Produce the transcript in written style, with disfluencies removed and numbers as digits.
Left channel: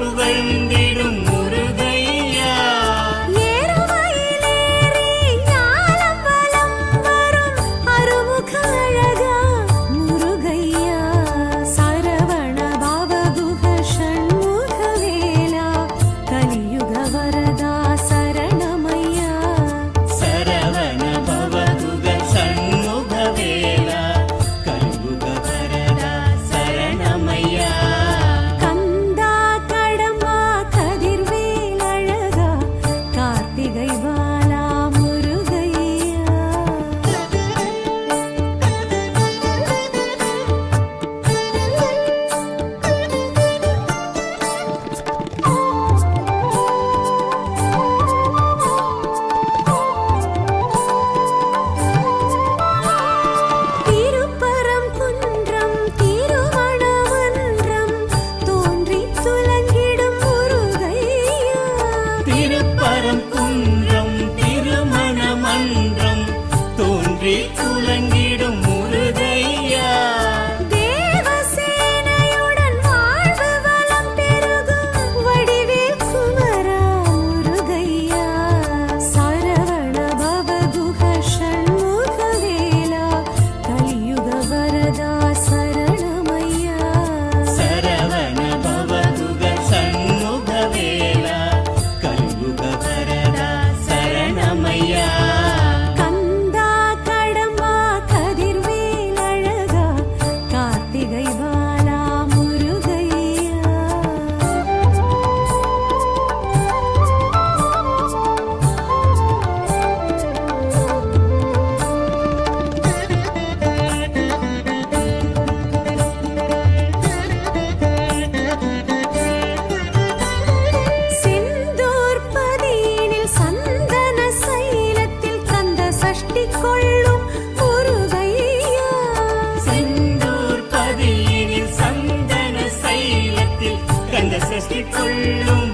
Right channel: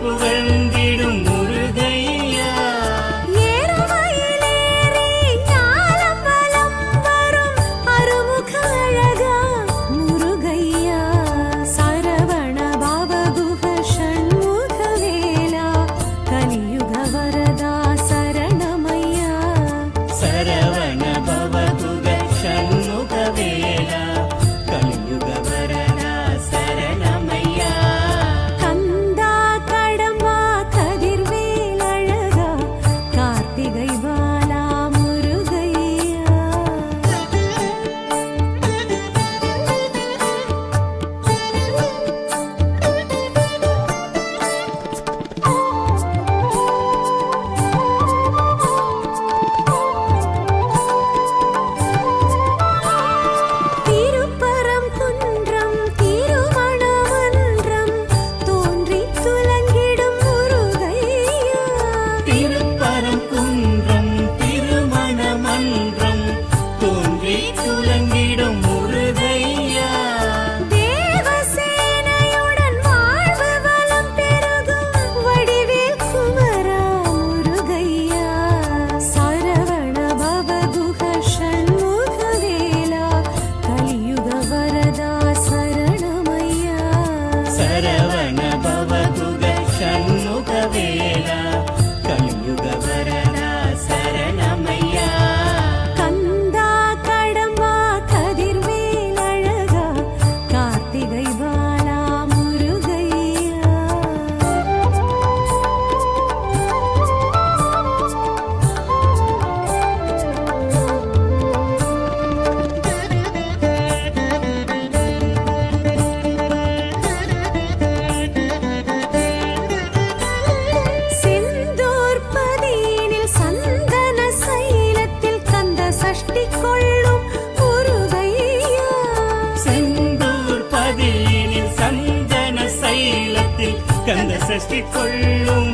புகழ்ந்திடும் முருகையா. ஏறுமயிலேறி ஞானம் வலம் வரும் அருமுக அழகா முருகையா. சரவண பவகுஹ ஷண்முக வேலா கலியுக வரதா சரணமையா. சரவண பவகுக சண்முக வேலா கலியுக வரதா சரணமையா. கந்தா கடம்பா கதிர்வேல் அழகா கார்த்திகை பாலா முருகையா. திருப்பரங்குன்றம் திருமணமன்றம் தோன்றி துலங்கிடும் முருகையா. திருப்பரங்குன்றம் திருமணமன்றம் தோன்றி துலங்கிடும் முருகையா. தேவசேனையுடன் வாழ்வு வளம் பெருகும் வடிவேல் குமரா முருகையா. சரவண பவகுஹ ஷண்முக வேலா கலியுக வரதா சரணமையா. சரவண பவகுக சண்முக வேலா கலியுக வரதா சரணமையா. கந்தா கடம்பா கதிர்வேல் அழகா கார்த்திகை பாலா முருகையா. செந்தூர் பதியினில் சந்தன சைலத்தில் கந்த சஷ்டி கொள்ளும் முருகையா. செந்தூர் பதியினில் சந்தன சைலத்தில் கந்த சஷ்டி கொள்ளும்